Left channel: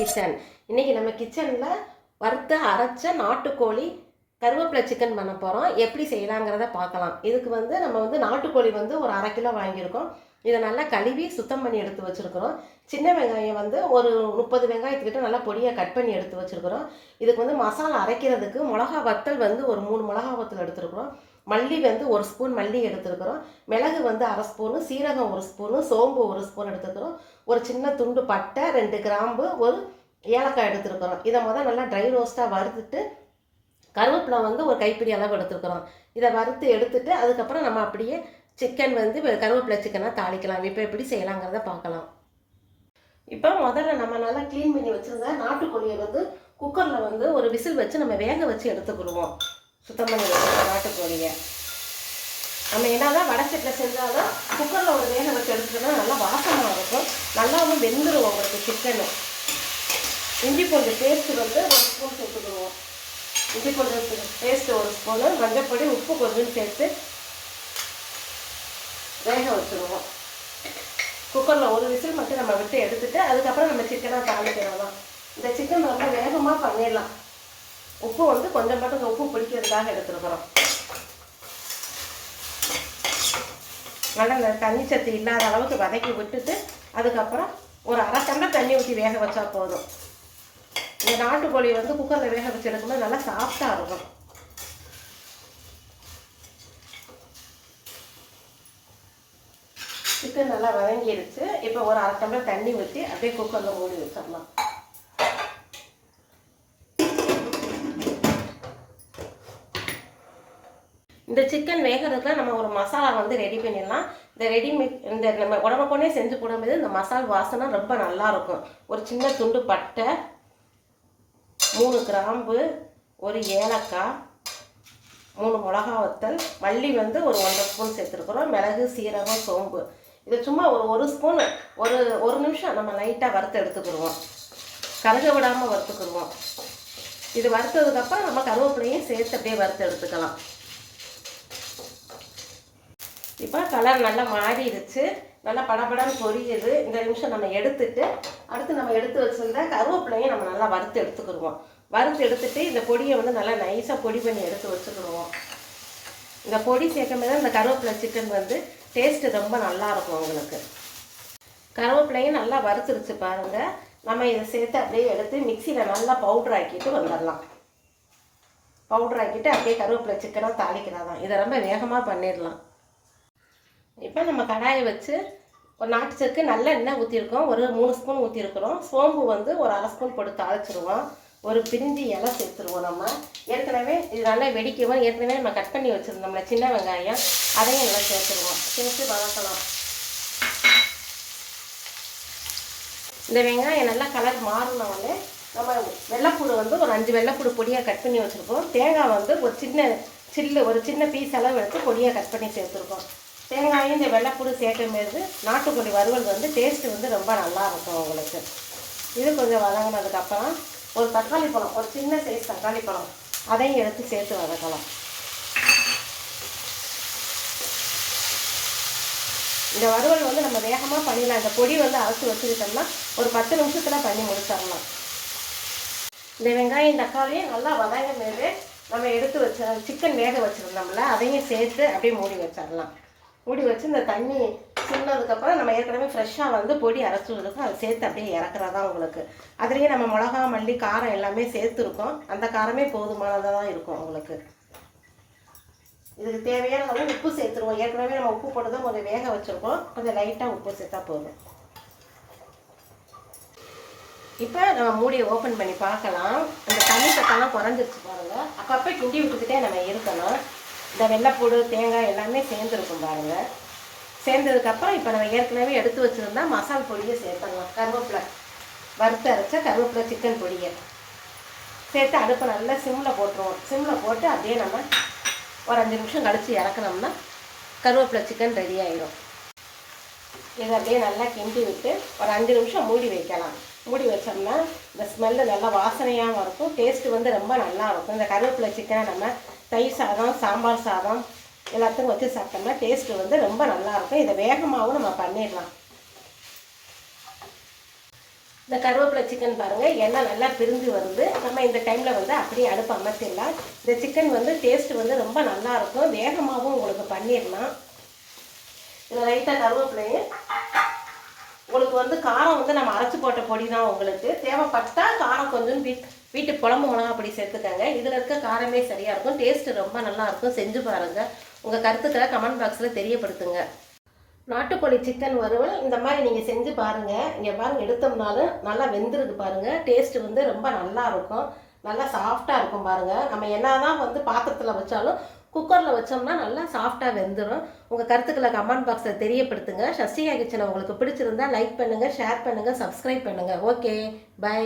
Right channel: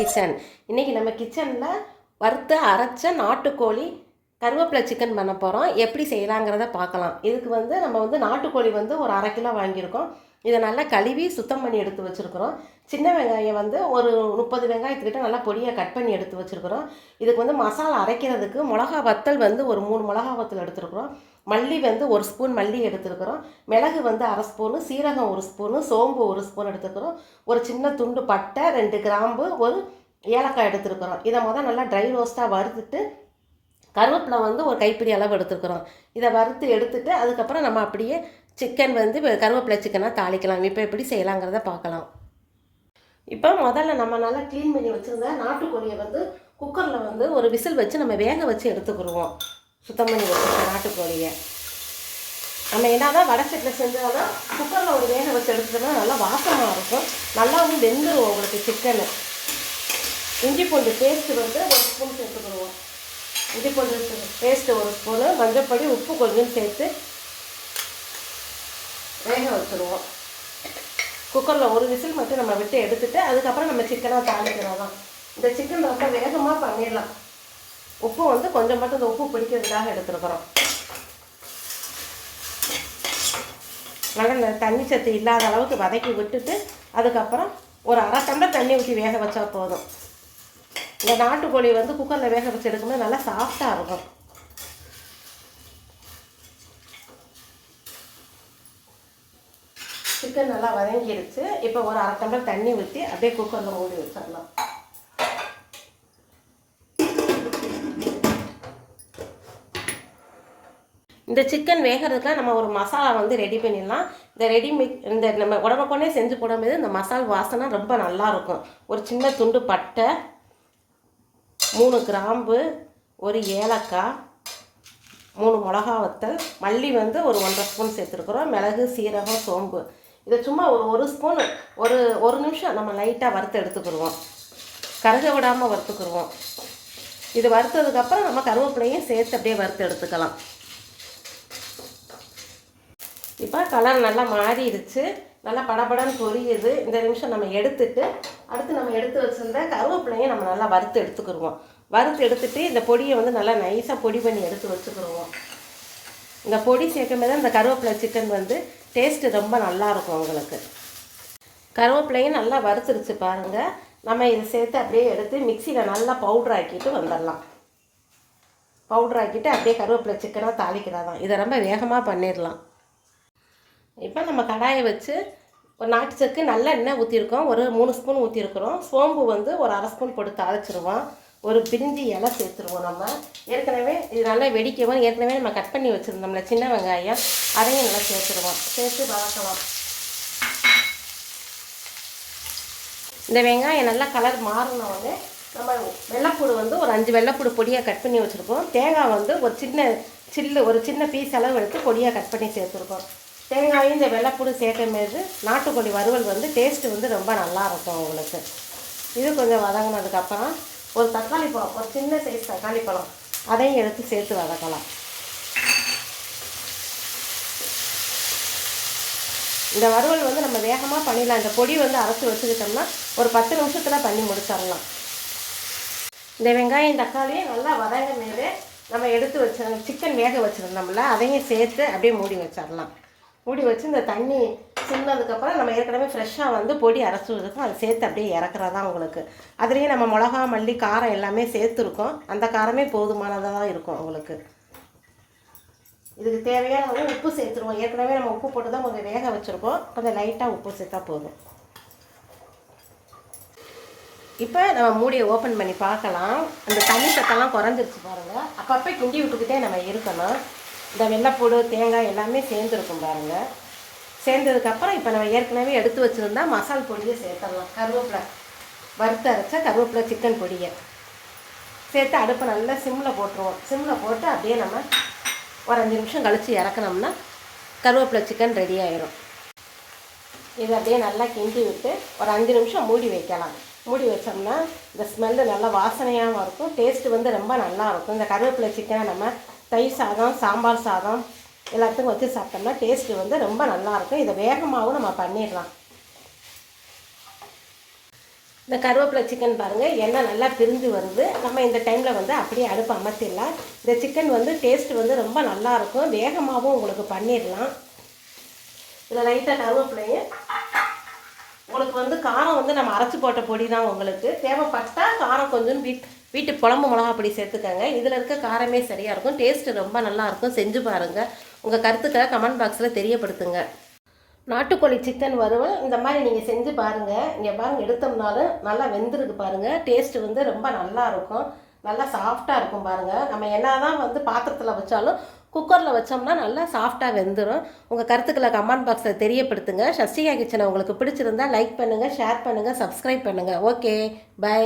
Kitchen இன்றைக்கி நம்ம கிச்சனில் வறுத்து அரைச்ச நாட்டுக்கோழி கருவேப்பிலை சிக்கன் பண்ண போகிறோம் எப்படி செய்யலாங்கிறத பார்க்கலாம். இதுக்கு வந்து நம்ம வந்து நாட்டுக்கோழி வந்து ஒரு அரை கிலோ வாங்கியிருக்கோம். இதை நல்லா கழுவி சுத்தம் பண்ணி எடுத்து வச்சுருக்கிறோம். சின்ன வெங்காயம் வந்து ஒரு முப்பது வெங்காயத்துக்கிட்ட நல்லா பொடியாக கட் பண்ணி எடுத்து வச்சுருக்கிறோம். இதுக்கு வந்து மசாலா அரைக்கிறதுக்கு மிளகா வத்தல் வந்து ஒரு மூணு மிளகா வத்தல் எடுத்துருக்குறோம். மல்லி வந்து ஒரு ஸ்பூன் மல்லி எடுத்துருக்குறோம். மிளகு வந்து அரை ஸ்பூனு சீரகம் ஒரு ஸ்பூனு சோம்பு ஒரு ஸ்பூன் எடுத்துக்கிறோம் ஒரு சின்ன துண்டு பட்டை ரெண்டு கிராம்பு ஒரு ஏலக்காய் எடுத்துருக்குறோம். இதை முதல் நல்லா ட்ரை ரோஸ்ட்டாக வறுத்துட்டு கருவேப்பிலை வந்து ஒரு கைப்பிடி அளவு எடுத்துருக்குறோம். இதை வறுத்து எடுத்துட்டு அதுக்கப்புறம் நம்ம அப்படியே சிக்கன் வந்து கருவேப்பிலை சிக்கனாக தாளிக்கலாம். இப்போ எப்படி செய்யலாங்கிறத பார்க்கலாம். இப்போ முதல்ல நம்ம நல்லா க்ளீன் பண்ணி வச்சுருந்த நாட்டுக்கோழியை வந்து குக்கரில் வந்து ஒரு விசில் வச்சு நம்ம வேக வச்சு எடுத்துக்கிடுவோம். சுத்தம் பண்ணி வச்சுருக்க நாட்டுக்கோழியை நம்ம என்னதான் வடச்சட்டில் செஞ்சாலும் குக்கரில் ஒரு வேக வச்சு எடுத்துக்கிட்டோம்னா நல்லா வாசமாக இருக்கும். நல்லாவும் வெந்துடும் உங்களுக்கு சிக்கனு இஞ்சி பூண்டு பேஸ்ட்டு வந்து ஒரு ஸ்பூன் சேர்த்துக்கணும் இஞ்சி பூண்டு பேஸ்ட்டு ஒரு ஸ்பூனு மஞ்சப்பொடி உப்பு கொஞ்சம் சேர்த்து வேக வச்சுருவோம். குக்கரில் ஒரு விசில் மட்டும் நம்ம விட்டு எடுத்துகிட்டு அதுக்கப்புறம் நம்ம சிக்கனாக தாளிக்கிறோம் இந்த சிக்கன் ரொம்ப வேகமாக பண்ணிடலாம். உப்பு வந்து கொஞ்சம் மட்டும் இந்த உப்பு பிடிக்கிறதுக்காக எடுத்துருக்குறோம். நல்லா இந்த தண்ணி சத்து இல்லாத அளவுக்கு வதக்கி விட்டுட்டு அதுக்கப்புறம் ஒரு அரை டம்ளர் தண்ணி ஊற்றி வேக வச்சா போதும். இந்த நாட்டுக்கோழியில் வந்து குக்கரில் வேக வச்சு எடுக்கும்போது நல்லா சாஃப்டாக இருக்கும். சிக்கன் நல்லா வதங்கிடுச்சு இப்போ ஒரு அரை டம்ளர் தண்ணி ஊற்றி அப்படியே குக்கரில் மூடி வச்சிடலாம். இந்த சிக்கன் வேகிறதுக்கு நம்ம ஒரு மசாலா வந்து ரெடி பண்ணிடலாம். இந்த ரெடி மிக் இந்த நம்ம உடம்புக்கொண்டே செஞ்சு போடும்போது இந்த மசால் வாசனை ரொம்ப நல்லாயிருக்கும் ஒரு சின்ன துண்டு பட்டை மூணு கிராம்பு ஒரு ஏலக்காய் மூணு மிளகா வத்தல் மல்லி வந்து ஒரு ஒன்றரை ஸ்பூன் சேர்த்துருக்குறோம். மிளகு சீரகம் சோம்பு. இதை சும்மா ஒரு ஒரு ஸ்பூன் ஒரு ஒரு நிமிஷம் நம்ம லைட்டாக வறுத்து எடுத்துக்கிடுவோம். கருக விடாமல் வறுத்துக்கிடுவோம். இது வறுத்ததுக்கப்புறம் நம்ம கருவேப்பிலையும் சேர்த்து அப்படியே வறுத்து எடுத்துக்கலாம். இப்போ கலர் நல்லா மாறிடுச்சு. நல்லா படபடன்னு பொரியுது. இந்த நிமிஷம் நம்ம எடுத்துட்டு அடுத்து நம்ம எடுத்து வச்சுருந்த கருவேப்பிலையும் நம்ம நல்லா வறுத்து எடுத்துக்கிடுவோம். வறுத்து எடுத்துட்டு இந்த பொடியை வந்து நல்லா நைஸாக பொடி பண்ணி எடுத்து வச்சுக்கிடுவோம். இந்த பொடி சேர்க்கும் போது இந்த கருவேப்பிலை சிக்கன் வந்து டேஸ்ட்டு ரொம்ப நல்லா இருக்கும் உங்களுக்கு. கருவேப்பிலையும் நல்லா வறுத்துருச்சு பாருங்கள் நம்ம இதை சேர்த்து அப்படியே எடுத்து மிக்சியில் நல்லா பவுட்ரு ஆக்கிட்டு வந்துடலாம். பவுட்ரு ஆக்கிட்டு அப்படியே கருவேப்பிலை சிக்கனாக தாளிக்கிறதான். இதை ரொம்ப வேகமாக பண்ணிடலாம். இப்போ நம்ம கடாயை வச்சு ஒரு நாட்டு சக்கு நல்ல எண்ணெய் ஊற்றிருக்கோம் ஒரு மூணு ஸ்பூன் ஊற்றிருக்கிறோம் சோம்பு வந்து ஒரு அரை ஸ்பூன் போட்டு தாளிச்சிருவோம். ஒரு பிரிஞ்சி இலை சேர்த்துருவோம் நம்ம. ஏற்கனவே இது நல்லா வெடிக்கவும் ஏற்கனவே நம்ம கட் பண்ணி வச்சுருந்தோம்ல சின்ன வெங்காயம் அதையும் நல்லா சேர்த்துருவோம். சேர்த்து வளர்க்கலாம் இந்த வெங்காயம் நல்லா கலர் மாறினவுடனே நம்ம வெள்ளைப்பூடு வந்து ஒரு அஞ்சு வெள்ளைப்பூடு பொடியாக கட் பண்ணி வச்சுருக்கோம் தேங்காய் வந்து ஒரு சின்ன சில்லு ஒரு சின்ன பீஸ் அளவு எடுத்து பொடியாக கட் பண்ணி சேர்த்துருக்கோம். தேங்காயும் இந்த வெள்ளைப்பூடு சேர்க்கும் போது நாட்டுக்கோழி வறுவல் வந்து டேஸ்ட்டு வந்து ரொம்ப நல்லா இருக்கும் உங்களுக்கு. இது கொஞ்சம் வதங்கினதுக்கப்புறம் ஒரு தக்காளி பழம் ஒரு சின்ன சைஸ் தக்காளி பழம் அதையும் எடுத்து சேர்த்து வதக்கலாம். இந்த வறுவல் வந்து நம்ம வேகமாக பண்ணிடலாம். இந்த பொடி வந்து அரைச்சி வச்சுக்கிட்டோம்னா ஒரு பத்து நிமிஷத்தில் பண்ணி முடிச்சிடலாம். இந்த வெங்காயம் தக்காளியும் நல்லா வதங்கினது நம்ம எடுத்து வச்ச சிக்கன் வேக வச்சுருந்தோம்ல அதையும் சேர்த்து அப்படியே மூடி வச்சிடலாம். மூடி வச்சு இந்த தண்ணி சின்னதுக்கப்புறம் நம்ம ஏற்கனவே ஃப்ரெஷ்ஷாக வந்து பொடி அரைச்சி இருக்கும் அதை சேர்த்து அப்படியே இறக்குறதா உங்களுக்கு. அதுலேயே நம்ம மிளகா மல்லி காரம் எல்லாமே சேர்த்துருக்கோம். அந்த காரமே போதுமானதாக தான் இருக்கும் உங்களுக்கு. இதுக்கு தேவையான அளவு உப்பு சேர்த்துருவோம். ஏற்கனவே நம்ம உப்பு போட்டு தான் கொஞ்சம் வேக வச்சுருக்கோம். கொஞ்சம் லைட்டாக உப்பு சேர்த்தா போதும். இப்போ நம்ம மூடியை ஓப்பன் பண்ணி பார்க்கலாம். அந்த தண்ணி சத்தம்லாம் குறைஞ்சிருச்சு பாருங்கள் அப்பப்போ கிண்டி விட்டுக்கிட்டே நம்ம இருக்கணும். இந்த வெள்ளைப்பூடு தேங்காய் எல்லாமே சேர்ந்துருக்கும் பாருங்கள் சேர்ந்ததுக்கப்புறம் இப்போ நம்ம ஏற்கனவே எடுத்து வச்சுருந்தா மசால் பொடியை சேர்த்துடலாம். கருவேப்பிலை வறுத்து அரைச்ச கருவேப்பிலை சிக்கன் பொடியை சேர்த்து அடுப்பை நல்லா சிம்மில் போட்டுருவோம். சிம்மில் போட்டு அப்படியே நம்ம ஒரு அஞ்சு நிமிஷம் கழித்து இறக்குனோம்னா கருவேப்பிலை சிக்கன் ரெடி ஆயிடும் இது அப்படியே நல்லா கிண்டி விட்டு ஒரு அஞ்சு நிமிஷம் மூடி வைக்கலாம். மூடி வச்சோம்னா இந்த ஸ்மெல்லு நல்லா வாசனையாகவும் இருக்கும். டேஸ்ட்டு வந்து ரொம்ப நல்லா இருக்கும். இந்த கருவேப்பிலை சிக்கனை நம்ம தயிர் சாதம் சாம்பார் சாதம் எல்லாத்துக்கும் வச்சு சாப்பிட்டோம்னா டேஸ்ட்டு வந்து ரொம்ப நல்லா இருக்கும் இதை வேகமாகவும் நம்ம பண்ணிடலாம். இந்த கருவேப்பிலை சிக்கன் பாருங்கள் எண்ணெய் நல்லா பிரிஞ்சு வருது நம்ம இந்த டைமில் வந்து அப்படியே அடுப்பு அமர்த்திடலாம். இந்த சிக்கன் வந்து டேஸ்ட் வந்து ரொம்ப நல்லா இருக்கும் வேகமாகவும் உங்களுக்கு பண்ணிடலாம். இதில் லைட்டாக கருவேப்பிலையும் உங்களுக்கு வந்து காரம் வந்து நம்ம அரைச்சி போட்ட பொடி தான் உங்களுக்கு. தேவைப்பட்டால் காரம் கொஞ்சம் வீட் வீட்டு குழம்பு மிளகா பொடி சேர்த்துக்கங்க. இதில் இருக்க காரமே சரியாக இருக்கும். டேஸ்ட்டு ரொம்ப நல்லாயிருக்கும் செஞ்சு பாருங்கள் உங்கள் கருத்துக்களை கமெண்ட் பாக்ஸில் தெரியப்படுத்துங்க. நாட்டுக்கோழி சிக்கன் வறுவல் இந்த மாதிரி நீங்கள் செஞ்சு பாருங்கள் இங்கே பாருங்கள் எடுத்தோம்னாலும் நல்லா வெந்துருக்கு பாருங்கள் டேஸ்ட்டு வந்து ரொம்ப நல்லா இருக்கும். நல்லா சாஃப்டாக இருக்கும் பாருங்கள் நம்ம என்ன தான் வந்து பாத்திரத்தில் வச்சாலும் குக்கரில் வச்சோம்னா நல்லா சாஃப்டாக வெந்துடும் உங்கள் கருத்துக்களை கமெண்ட் பாக்ஸில் தெரியப்படுத்துங்க. சஷ்டிகா கிச்சனை உங்களுக்கு பிடிச்சிருந்தா லைக் பண்ணுங்கள் ஷேர் பண்ணுங்கள் சப்ஸ்கிரைப் பண்ணுங்கள் ஓகே பை